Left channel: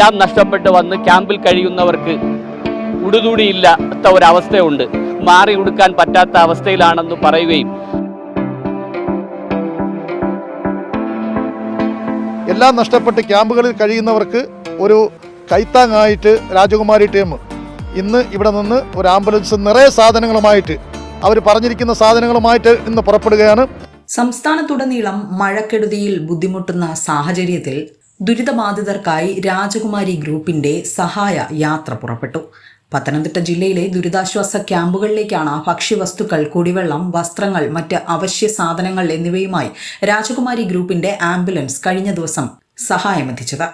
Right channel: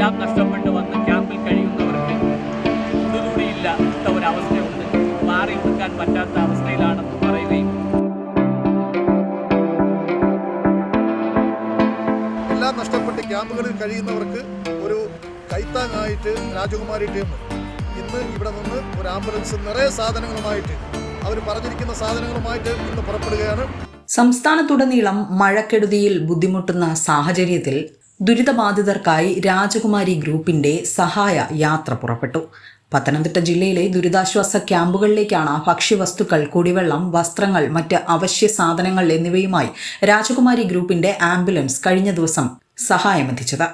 എല്ലാം നഷ്ടപ്പെട്ട് വന്ന് ക്യാമ്പിൽ കഴിയുന്നവർക്ക് ഉടുതുടിയില്ലാത്ത ഒരവസ്ഥയുണ്ട്. മാറി ഉടുക്കാൻ പറ്റാത്ത അവസ്ഥയിലാണെന്ന് പറയുകയും എല്ലാം നഷ്ടപ്പെട്ട് ക്യാമ്പുകളിൽ കഴിയുന്നവർക്ക് ഒരു കൈത്താങ്ങായിട്ട് രാജകുമാരി ടീം ഇന്ന് ഇവിടെ നിന്ന് ഒരു ആംബുലൻസ് നിറയെ സാധനങ്ങളുമായിട്ട് അവർ പറഞ്ഞിരിക്കുന്ന സാധനങ്ങളുമായിട്ട് ഇന്ന് പുറപ്പെടുകയാണ്. സംസ്ഥാനത്തുടനീളം മഴക്കെടുതിയിൽ ബുദ്ധിമുട്ടുന്ന സാഹചര്യത്തിൽ ദുരിതബാധിതർക്കായി രാജകുമാരി ഗ്രൂപ്പിന്റെ സഹായ യാത്ര പുറപ്പെട്ടു. പത്തനംതിട്ട ജില്ലയിലെ ദുരിതാശ്വാസ ക്യാമ്പുകളിലേക്കാണ് ഭക്ഷ്യവസ്തുക്കൾ, കുടിവെള്ളം, വസ്ത്രങ്ങൾ, മറ്റ് അവശ്യ സാധനങ്ങൾ എന്നിവയുമായി രാജകുമാരി ഗ്രൂപ്പിന്റെ ആംബുലൻസ് കഴിഞ്ഞ ദിവസം സഹായമെത്തിച്ചത്.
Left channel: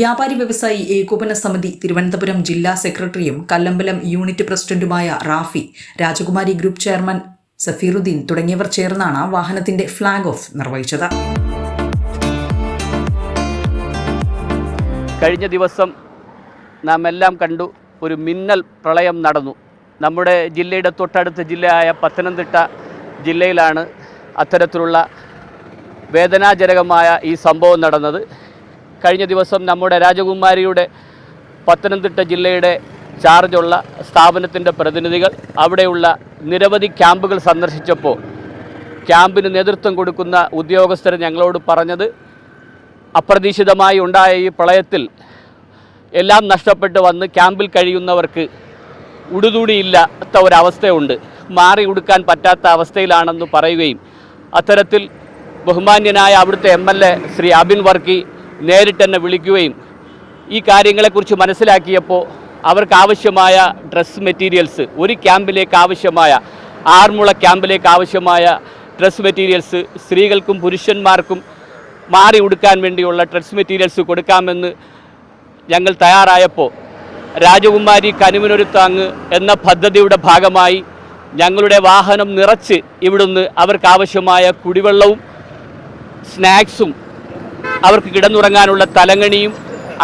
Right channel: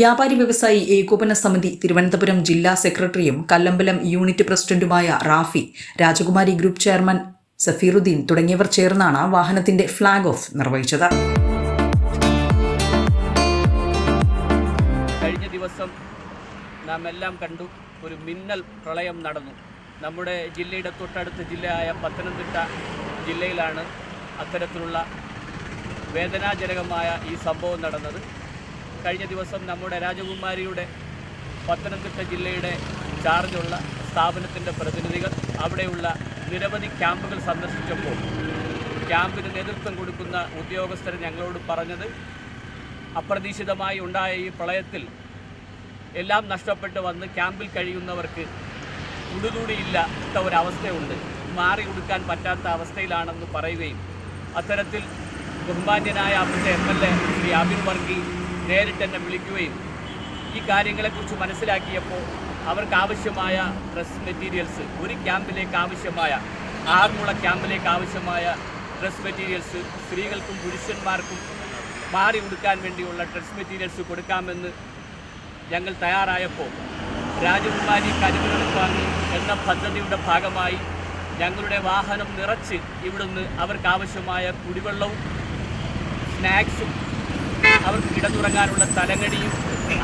വ്യാപാരി വ്യവസായി ഏകോപന സമിതി തിരുവനന്തപുരം ജില്ലാ സെക്രട്ടറിയും കല്ലമ്പലം യൂണിറ്റ് പ്രസിഡന്റുമായ റാഫി, രാജകുമാരി ഗ്രൂപ്പ് ചെയർമാൻ സഫീറുദ്ദീൻ തുടങ്ങിയവർ ചേർന്നാണ് വാഹനത്തിന്റെ ഫ്ളാഗ് ഓഫ് നിർവഹിച്ചത്. കഴിഞ്ഞ ദിവസം നാം എല്ലാം കണ്ടു, ഒരു മിന്നൽ പ്രളയം നടന്നു. നമ്മുടെ ജില്ലയുടെ തൊട്ടടുത്ത ജില്ലയായ പത്തനംതിട്ട ജില്ലയിലാണ് അത്തരത്തിലുള്ള വേദനാജനകമായ ഈ സംഭവം നടന്നത്. കഴിഞ്ഞ ദിവസം നമ്മുടെ രാജകുമാരിയുടെ പത്തനംതിട്ട ജില്ലയുടെ ചാർജുള്ള സ്ഥാപനത്തിൻ്റെ പ്രതിനിധികൾ അവിടെയുള്ള നിരവധി ക്യാമ്പുകൾ സന്ദർശിച്ചപ്പോൾ ക്യാമ്പിന് നേതൃത്വം കൊടുക്കുന്ന ഉദ്യോഗസ്ഥർ ഞങ്ങളോട് പറഞ്ഞത്, അപ്രതീക്ഷിതമായി ഉണ്ടായ ഈ പ്രളയത്തിൽ എല്ലാം നഷ്ടപ്പെട്ട് വന്ന് ക്യാമ്പിൽ കഴിയുന്നവർക്ക് ഉടുതുടിയില്ലാത്ത ഒരവസ്ഥയുണ്ട്. മാറി ഉടുക്കാൻ പറ്റാത്ത അവസ്ഥയിലാണെന്ന് പറയുകയും അത്തരത്തിൽ ബഹുമാന്യനായ അവിടുത്തെ MLA ശ്രീ അബിൻ വർക്കി നേരിട്ട് എന്നെ വിളിക്കുകയും ഈ കാര്യങ്ങളെക്കുറിച്ച് മനസ്സിലാക്കിയപ്പോൾ അവർക്ക് ആവശ്യമായ ഡ്രസ് മെറ്റീരിയൽസ്, ഒരു ക്യാമ്പിലേക്ക് ആവശ്യമായ, ആറന്മുള ക്യാമ്പിലേക്ക് ആവശ്യമായ ഡ്രസ് മെറ്റീരിയൽസ്, സ്ത്രീകൾക്കും പുരുഷന്മാർക്കും മാറി ഉടുക്കാൻ വേണ്ടിയുള്ള ഡ്രസ് മെറ്റീരിയൽസ് കൊടുക്കാമെന്ന് ഞങ്ങൾ തയ്യാറായപ്പോൾ രാജകുമാരി കനിവിനൊരു താങ്ങ് എന്ന പദ്ധതിയുടെ ഭാഗമായി ഞങ്ങളുടെ വാഹനം നിറച്ച് ഇവിടുന്ന് അവർക്കാവശ്യമായ കുടിവെള്ളവും സ്നാക്സും അവർക്ക് കിടന്നുറങ്ങാനുള്ള തലങ്ങണിയും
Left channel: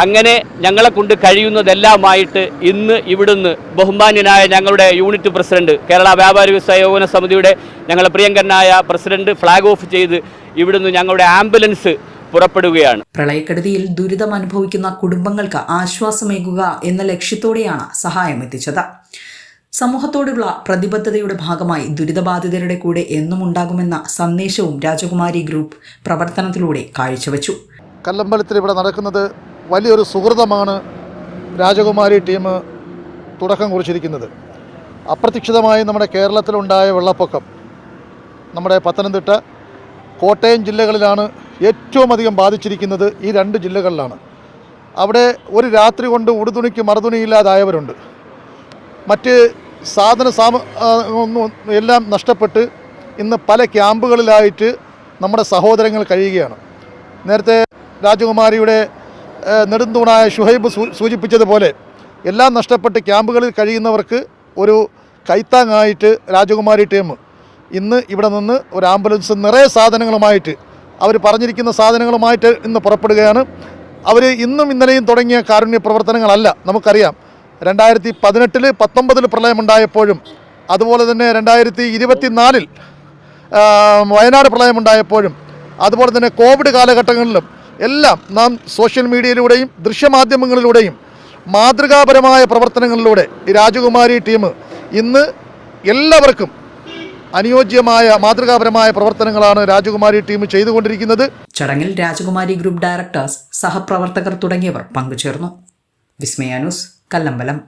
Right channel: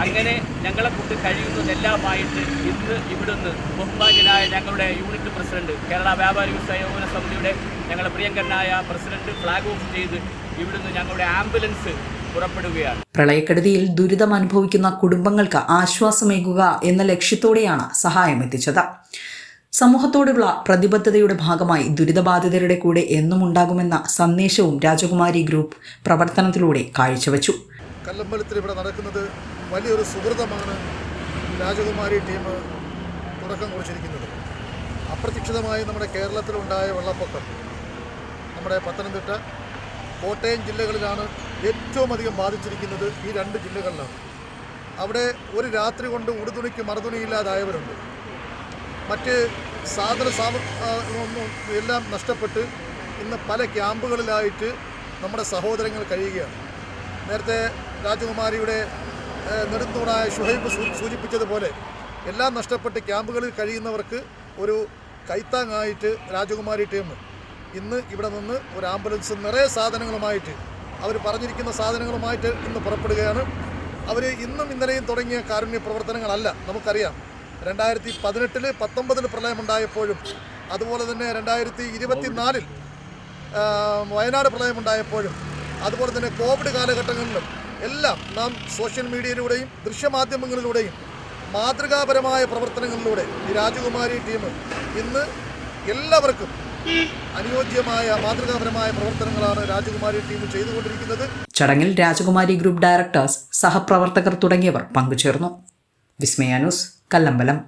അങ്ങനെ ഞങ്ങളെ കൊണ്ട് കഴിയുന്നതെല്ലാമായിട്ട് ഇന്ന് ഇവിടുന്ന് ബഹുമാന്യനായ ഞങ്ങളുടെ യൂണിറ്റ് പ്രസിഡന്റ്, കേരള വ്യാപാരി വ്യവസായ ഏകോപന സമിതിയുടെ ഞങ്ങളുടെ പ്രിയങ്കരനായ പ്രസിഡന്റ് ഫ്ളാഗ് ഓഫ് ചെയ്ത് ഇവിടുന്ന് ഞങ്ങളുടെ ആംബുലൻസ് പുറപ്പെടുകയാണ്. പ്രളയക്കെടുതിയിൽ ദുരിതം അനുഭവിക്കുന്ന കുടുംബങ്ങൾക്ക് ആശ്വാസമേകുക എന്ന ലക്ഷ്യത്തോടെയാണ് സഹായം എത്തിച്ചത്. സമൂഹത്തോടുള്ള പ്രതിബദ്ധതയുടെ ഭാഗമായി ദുരിതബാധിതരുടെ കൂടെ എന്നും ഉണ്ടാകുമെന്ന സന്ദേശവും രാജകുമാരി ഗ്രൂപ്പ് പ്രവർത്തനത്തിലൂടെ കാഴ്ചവെച്ചു. കല്ലമ്പലത്തിൽ ഇവിടെ നടക്കുന്നത് വലിയൊരു സുഹൃതമാണ് രാജകുമാരി ടീം തുടക്കം കുറിച്ചിരിക്കുന്നത്. അപ്രതീക്ഷിതമായി നമ്മുടെ കേരളത്തിലുണ്ടായ വെള്ളപ്പൊക്കം നമ്മുടെ പത്തനംതിട്ട, കോട്ടയം ജില്ലകളിലാണ് ഏറ്റവും അധികം ബാധിച്ചിരിക്കുന്നത്. ഈ രണ്ട് ജില്ലകളിലാണ്. അവിടെ ഒരു രാത്രി കൊണ്ട് ഉടുതുണിക്ക് മറുതുണിയില്ലാതായവരുണ്ട്. മറ്റ് എല്ലാം നഷ്ടപ്പെട്ട് ഇന്ന് പല ക്യാമ്പുകളിലായിട്ട് നമ്മുടെ സഹോദരങ്ങൾ കഴിയുകയാണ്. നേരത്തെ രാജകുമാരിയുടെ നെടുന്തൂണായ ഷുഹൈബ് സൂചിപ്പിച്ചതുപോലെ എല്ലാം നഷ്ടപ്പെട്ട് ക്യാമ്പുകളിൽ കഴിയുന്നവർക്ക് ഒരു കൈത്താങ്ങായിട്ട് രാജകുമാരി ടീം ഇന്ന് ഇവിടെ നിന്ന് ഒരു ആംബുലൻസ് നിറയെ സാധനങ്ങളുമായിട്ട് അവർ പറഞ്ഞിരിക്കുന്ന സാധനങ്ങളുമായിട്ട് ഇന്ന് പുറപ്പെടുകയാണ്. അവർ ഇന്നും ഇന്നലെയും തുടങ്ങിയ കാരുണ്യ പ്രവർത്തനങ്ങളല്ല. നമുക്കറിയാം, 2018 19 പ്രളയമുണ്ടായപ്പോഴും അതുപോലെ തന്നെ 2024 വയനാട് പ്രളയമുണ്ടായപ്പോഴും അതുപോലെ തന്നെ കോവിഡ് കാലഘട്ടങ്ങളിലും എല്ലാം നാം സോഷ്യൽ മീഡിയയിലൂടെയും ദൃശ്യമാധ്യമങ്ങളിലൂടെയും മാതൃകാപരമായ പ്രവർത്തനങ്ങളിലൂടെ ഈ രാജകുമാരി ടീം ഇന്ന് എല്ലാവർക്കും അനുയോജ്യമായ മാതൃകാപരമായ പ്രവർത്തനങ്ങളാണ് രാജകുമാരി ടീം ചെയ്തുകൊണ്ടിരിക്കുന്നത്. ചടങ്ങിൽ രാജകുമാരി ഗ്രൂപ്പ് ഡയറക്ടേഴ്സ്, സഹപ്രവർത്തകർ തുടങ്ങിയവർ പങ്കുചേർന്നു. വിസ്മയ ന്യൂസ്, കല്ലമ്പലം.